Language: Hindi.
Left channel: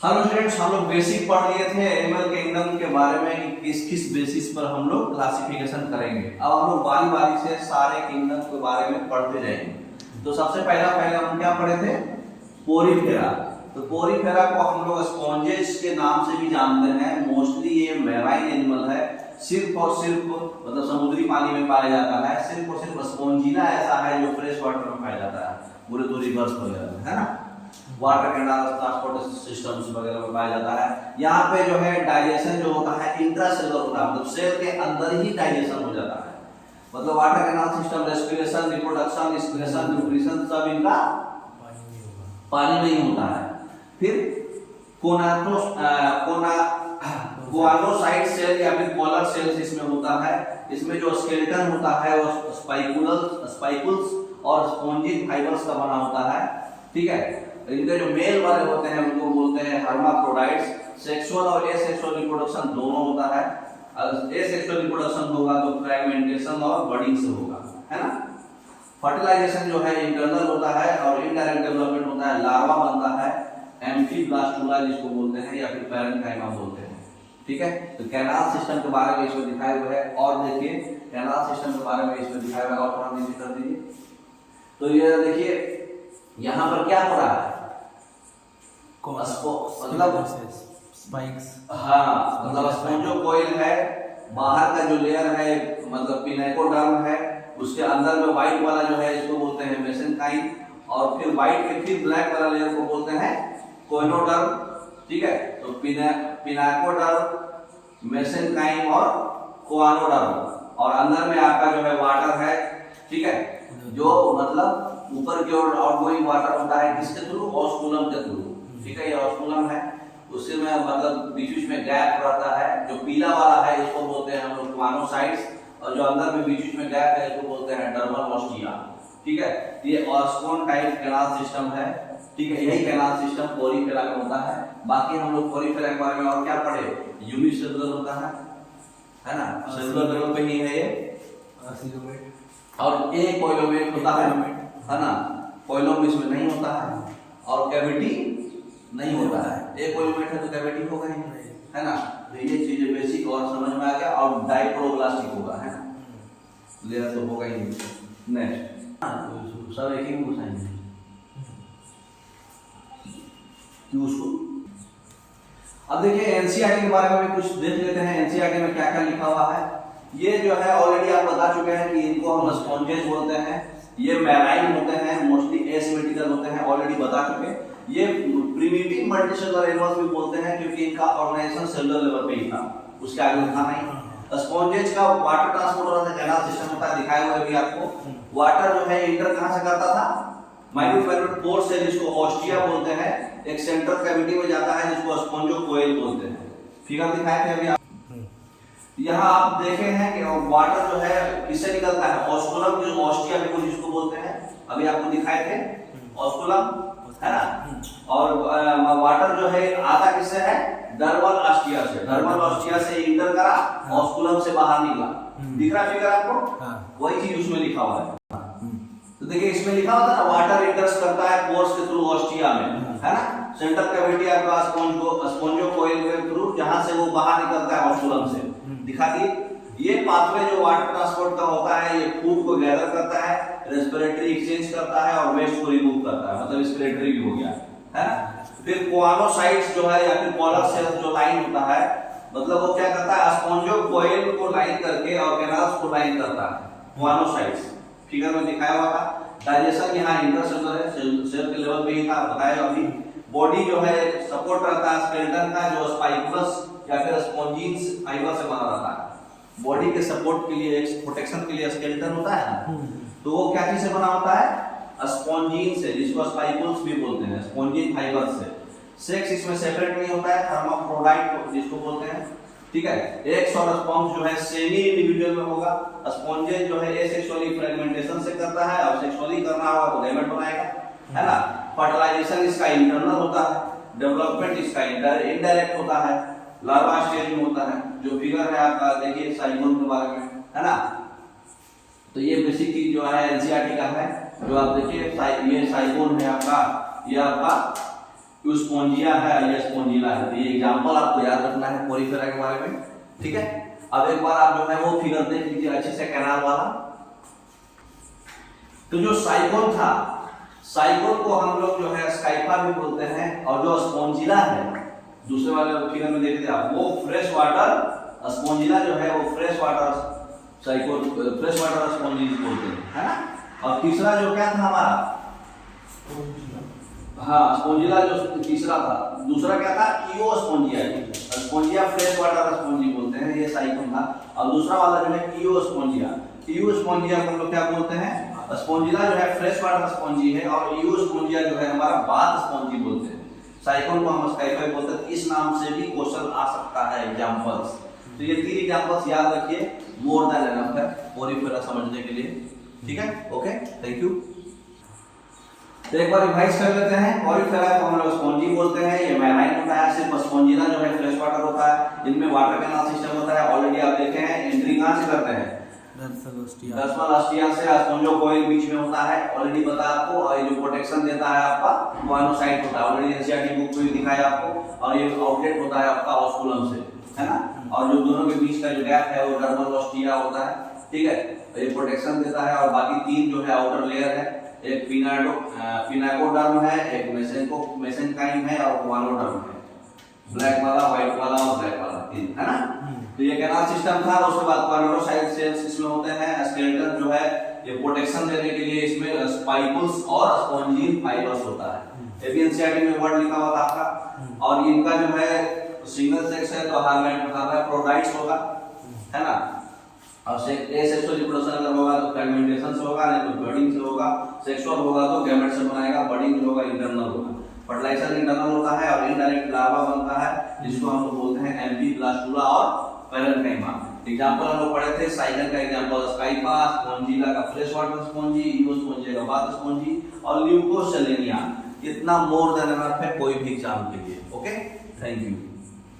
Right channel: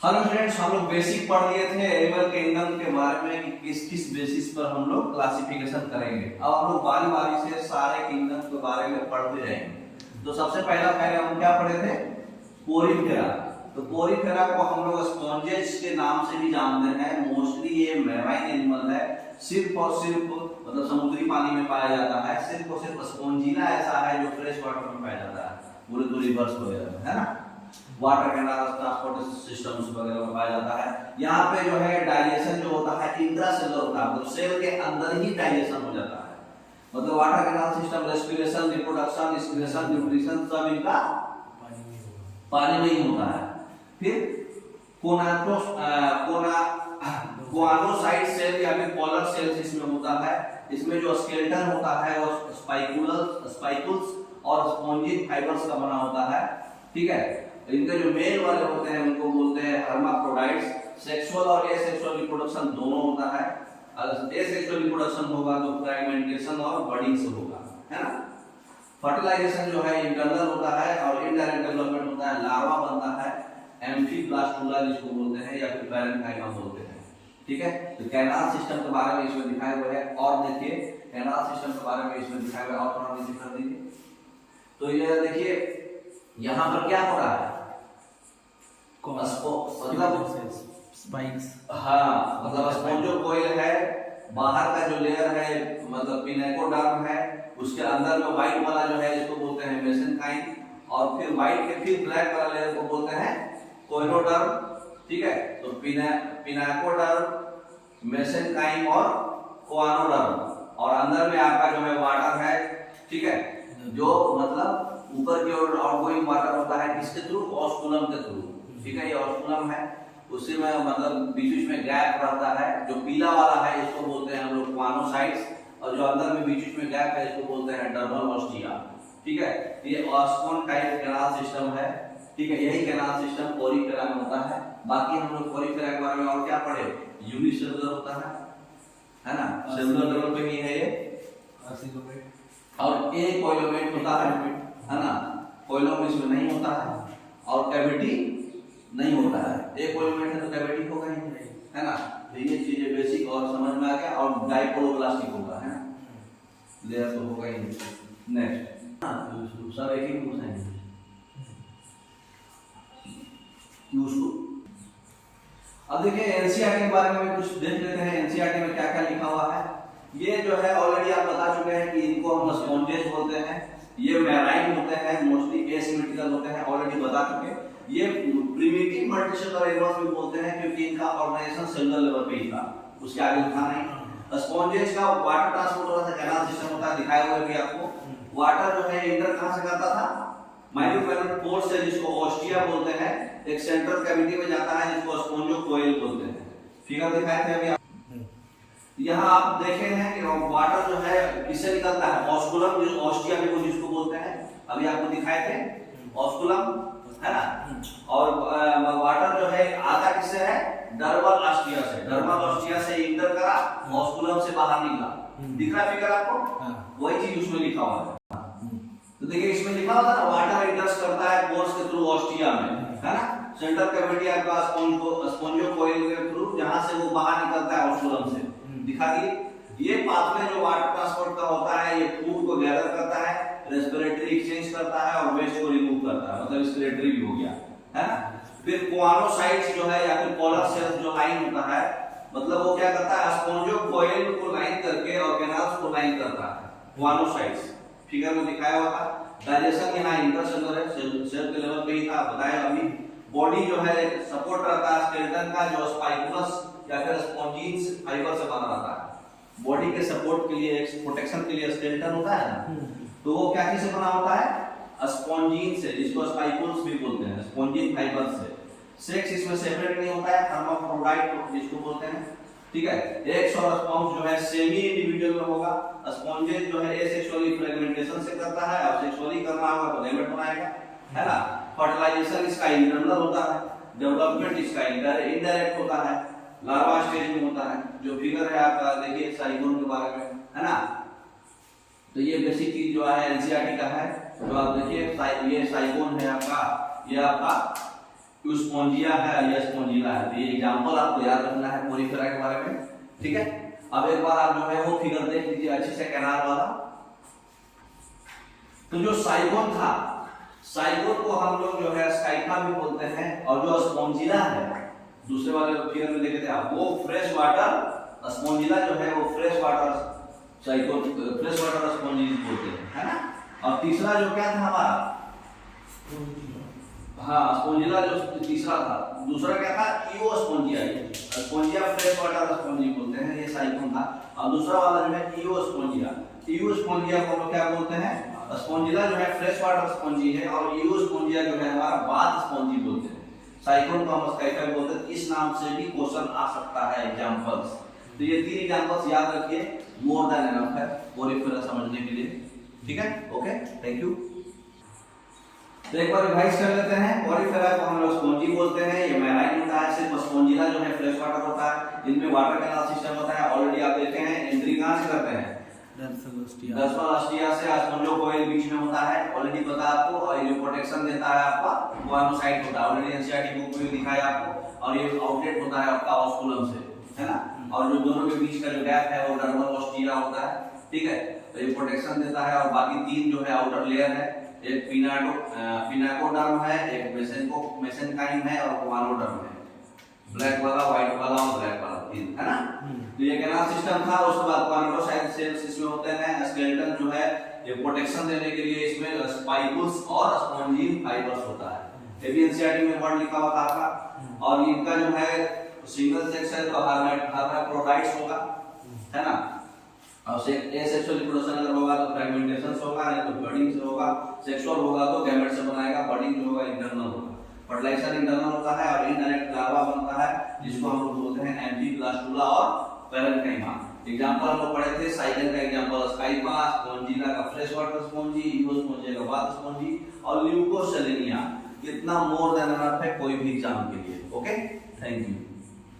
हेलो स्टूडेंट्स, हम लोग बेसिक पढ़ लिए थे एनिमल किंगडम के बारे में, किस किस बेसिस पर हम लोग क्लासिफिकेशन करेंगे। अब हम लोग बारी बारी से सारे किंगडम के बारे में पढ़ते जाएंगे। तो सबसे पहले हम क्या पढ़े थे? पोरीफेरा। तो पोरीफेरा को हम लोग स्पॉन्जेस के नाम से भी जानते हैं। मोस्टली ये मैराइन एनिमल है, सिर्फ और सिर्फ मतलब समुद्री पानी में पाया जाता है। सिर्फ और सिर्फ स्पॉन्जिला ऐसा है जो फ्रेश वाटर में पाया जाता है, पूरे तो रिवर्स वगैरह में, है ना। वाटर कैनाल, ट्रांसपोर्ट सिस्टम्स वगैरह में पाया जाता है। यहाँ पे जो है डाइजेशन जो होता है इंट्रासेलुलर होता है, मतलब सेल के अंदर ही डाइजेशन हो जाता है। मतलब water canal system, respiration, reproduction, excretion, nutrition सब इनका पानी में ही होता है। फिर कोआनोसाइट सेल या फिर पोलर सेल्स इसमें होता है। इसमें जो स्केलेटन होता है वो स्पाइकुल्स और स्पॉन्जिक फाइबर्स का बना होता है, ठीक है। इनके जो मेल वाले होते हैं उनको बोलते हैं हर्माफ्रोडाइट्स। सेक्सुअल और एसेक्सुअल रिप्रोडक्शन दोनों होता है। अगर एसेक्सुअल रिप्रोडक्शन होगा तो फ्रैगमेंटेशन और बडिंग से होगा, है ना। फर्टिलाइजेशन जो है इंटरनल होता है और इनडायरेक्ट डेवलपमेंट होता है। लार्वा बनता है, एम्फीब्लास्टुला जिसको बोलते हैं, या फिर पैरेन्काइमा बोलते हैं, ठीक है। तो कैनाल सिस्टम के बारे में इसमें दिखाए हुए है। और देखिए कैनाल सिस्टम के बारे में इसमें दिखाया हुआ है, और थोड़ा नीचे कर दीजिए। तो ये देखिए यहाँ पर क्या हो रहा है, मतलब स्पाइक्स, हाँ, मतलब स्पोंजोकोइल है, बाहर का जो लेयर है मतलब पिनेकोडर्म है, उसके अंदर में व्हाइट वाला जो है इसको बोलते हैं मेसेनकाइम, और फिर व्हाइट के फिर ब्लैक वाला लेयर को बोलते हैं कोइनोडर्म, ठीक है। तो पिनेकोडर्म, मेसेनकाइम और कोआनोडर्म, और अंदर में आपका जो है वाटर है, ठीक है, जो मतलब ऊपर की ओर आउटगोइंग वाटर होता है किसके थ्रू? ऑस्कुलम के थ्रू, ठीक है। ये ऑस्कुलम है, उसी में मतलब बीच में गैप रहता है। जो पीला वाला है इसको बोलते हैं हम लोग कोआनोसाइट्स, और जो अंदर में बीच में गैप है इसको बोलते हैं डर्मल ऑस्टिया, ठीक है। ये ऑस्कोन टाइप कैनाल सिस्टम है, ठीक है। यही कैनाल सिस्टम पोरीफेरा में होता है। बाकी हम लोग पोरीफेरा के बारे में और क्या पढ़े? यूनिसेलुलर होता है ना, सेलुलर लेवल पे ही है ये, और एक कोइलोमेट होता है ना। कोइलोम इसमें नहीं होता है और कैविटी नहीं होता है। एक कोइलोमेट है तो कैविटी होगा ही नहीं, है ना। तो ये चीजें बेसिक और समझ में आ गया। और डाइप्रोब्लास्टिक होगा, है ना, लेयर तो होगा ही नहीं। नेक्स्ट सब एक ही में पूछेंगे कि उसको। अब देखिए एनसीईआरटी के बारे में भी कुछ देख लेते हैं। एनसीईआरटी में क्या क्या लिखा हुआ है ये जो है ऑलरेडी आप बता चुके हैं कि इनको हम स्पॉन्जेस बोलते हैं। ये मैराइन होते हैं, मोस्टली एसिमेट्रिकल होते हैं, ऑलरेडी बता चुके हैं। ये प्रिमिटिव मल्टीसेलुलर एनिमल्स भी बोलते हैं क्योंकि इनका ऑर्गेनाइजेशन सेलुलर लेवल पे ही था, उसके आगे था नहीं। स्पॉन्जेस का वाटर ट्रांसपोर्ट होता है, कैनाल सिस्टम होता है, दिखाया हुआ है भी आपको। वाटर जो है इंटर कहां से करता था? माइक्रोफाइबर पोर से, जिसको ऑस्टिया बोलते हैं, एक सेंट्रल कैविटी में जाता है जिसको स्पॉन्जोकोइल बोलते हैं। फिगर दिखाए थे अभी। यहाँ आप देखे हैं कि वाटर जो है किससे निकलता है? ऑस्कुलम, जो ऑस्टिया जिसको बोलते हैं, अभी आपको दिखाए थे ऑस्कुलम, है ना। और वाटर जो है आता किससे है? डर्मल ऑस्टिया से। डर्मल ऑस्टिया से इंटर करा, ऑस्कुलम से बाहर निकला। दिख रहा फिगर आपको? वही चीज उसमें लिखा हुआ है। तो देखिए इसमें लिखा हुआ था ना, वाटर इंटर्स करता है पोर्स के थ्रू ऑस्टिया में, है ना। सेंट्रल कैविटी आपका स्पॉन्जोकोइल के थ्रू, जहां से वो बाहर निकलता है ऑस्कुलम से। दिखा दिए। ये पाथवे जो वाटर ट्रांसपोर्ट का होता है, ये फूड को गैदर करता है, रेस्पिरेटरी एक्सचेंज करता है और वेस्ट को रिमूव करता है, मतलब रेस्पिरेटरी भी हो गया, है ना। फिर कोआनोसाइट्स जो है या फिर पोलर सेल्स जो लाइन होता है, मतलब वो क्या करता है? स्पॉन्जोकोइल को लाइन करके और कैनाल्स को लाइन करता है, कोआनोसाइट्स। फिगर में दिखाया हुआ था। डाइजेशन यहाँ इंटरसेलुलर है, सेल के लेवल पे ही था, बताया अभी। बॉडी जो है सपोर्ट रहता है स्केलेटन का, जो स्पाइकुलस या फिर स्पॉन्जिन्स फाइबर से बना रहता है। बॉडी के सपोर्ट के लिए, प्रोटेक्शन के लिए स्केलेटन होता है ना, तो वो क्या चीज से बना होता है? स्पॉन्जिन से, जिसको स्पाइकुल्स भी बोलते हैं, स्पॉन्जिन फाइबर से। सेक्स इसमें सेपरेट नहीं होता है, हर्माफ्रोडाइट जिसको बोलते हैं, ठीक है। एग्स और स्पर्म्स जो है सेमी इंडिविजुअल में होगा। स्पॉन्जेस जो है एसेक्सुअली फ्रेगमेंटेशन से करता है, और सेक्सुअली करना होगा तो गैमेट बनाएगा, है ना। फर्टिलाइजेशन इसका इंटरनल होता है, डेवलपमेंट इसका इनडायरेक्ट होता है, लार्वा स्टेज में होता है। जो फिगर है आपका देखिए साइगोन के बारे में, है ना। तो ये बेसिक चीज जो है एनसीईआरटी का है, जो आप देखिए ये साइगोन है आपका, ये आपका कि स्पोंजिया है और ये स्पोंजिला है। तो ये एग्जांपल आपको याद रखना है पोरिफेरा के बारे में, ठीक है। अब एक बार आप जो है वो फिगर देख लीजिए अच्छे से, कैनाल वाला। तो जो साइगोन था, साइगोन को हम लोग जो है स्काइफा भी बोलते हैं, और जो स्पोंजिला है दूसरे वाले फिगर में देखे थे आप, वो फ्रेश वाटर स्पोंजिला जो है वो फ्रेश वाटर साइगोन, फ्रेश वाटर स्पोंजिस बोलते हैं, है ना। और तीसरा जो क्या था हमारा, हाँ स्पोंजिला जो तीसरा था, दूसरा क्या था ईओ spongia, spongia fresh water sponge बोलते हैं, ये साइगोन था। और दूसरा वाला जो है ईओ स्पोंजिया, ईओ स्पोंजिया को हम लोग क्या बोलते हैं, स्पोंजिला जो है फ्रेश वाटर स्पॉन्जी है, और ईओ स्पोंजिया जो है हमारा बाथ स्पॉन्जी बोलते हैं। साइकोन को हम स्काइफा बोलते हैं। इस नाम से भी क्वेश्चन आ सकता है एग्जांपल्स। तो ये 3 एग्जांपल्स याद रखिए, मोर देन एनफ है पोरिफेरा समझने के लिए, ठीक है। Okay, thank you. तो एक बार रिवाइज कर लेते हैं। पोरिफेरा को हम लोग स्पॉन्जी बोलते हैं, ये मैराइन होता है, सिर्फ स्पॉन्जिला जो है फ्रेश वाटर होता है, जिनमें वाटर कैनाल सिस्टम होता है। ऑलरेडी आप देखे हैं, एंट्री कहां से करते हैं, डर्फलोस्टिया से। स्पोंजोकोइल बीच में होता है, ऑलरेडी पता है आपको। और ये जो प्रोटेक्शन देता है आपका मोनोसाइट होता है, ऑलरेडी एनसीईआरटी बुक में भी दिखाया आपको। और ये आउटलेट होता है आपका ऑस्कुलम से, है ना। और जो दोनों के बीच का जो गैप है वो डर्फलोस्टिया होता है, ठीक है। तो ये प्रोटेक्शन देता है। और बाकी 3 जो है आउटर लेयर है, एक पिनाकोडर्म है, एक मेसेनकाइम है, और कोवानोडर्म है। ब्लैक वाला, व्हाइट वाला और ब्लैक वाला, 3, है ना। तो ये कैनाल सिस्टम था। उसके बाद क्वानोडोसाइट सेल्स इसमें होते हैं। स्केलेटन जो है ये प्रोटेक्शन देने के लिए इसमें स्पाइकुल्स और स्पॉन्जिन फाइबर्स होता है। एबीएनसीआरटी में वर्ड लिखा हुआ था आपका। और इनका जो है सिंगल सेक्स है तो हर्माफ्रोडाइट्स होगा, है ना। और एसेक्सुअल रिप्रोडक्शन अगर होगा तो फ्रेगमेंटेशन से होगा, नहीं तो बडिंग से होगा। सेक्सुअल होगा तो गैमेट से बनाएगा, बडिंग होगा इंटरनल होगा। फर्टिलाइजेशन इंटरनल होता है और इनडायरेक्ट लार्वा बनता है, जिसको हम लोग बोलते हैं एम्फीब्लास्टुला और पैरेन्काइमा। एग्जांपल हम लोग पढ़े थे, साइगन का एग्जांपल स्काइफा, स्पोंजिला का fresh water spongy, EO spongia का बाथ स्पोंजी, और ल्यूकोसेलेनिया। इतना मोर देन एनफ है कोई भी एग्जाम के लिए। Okay, thank you.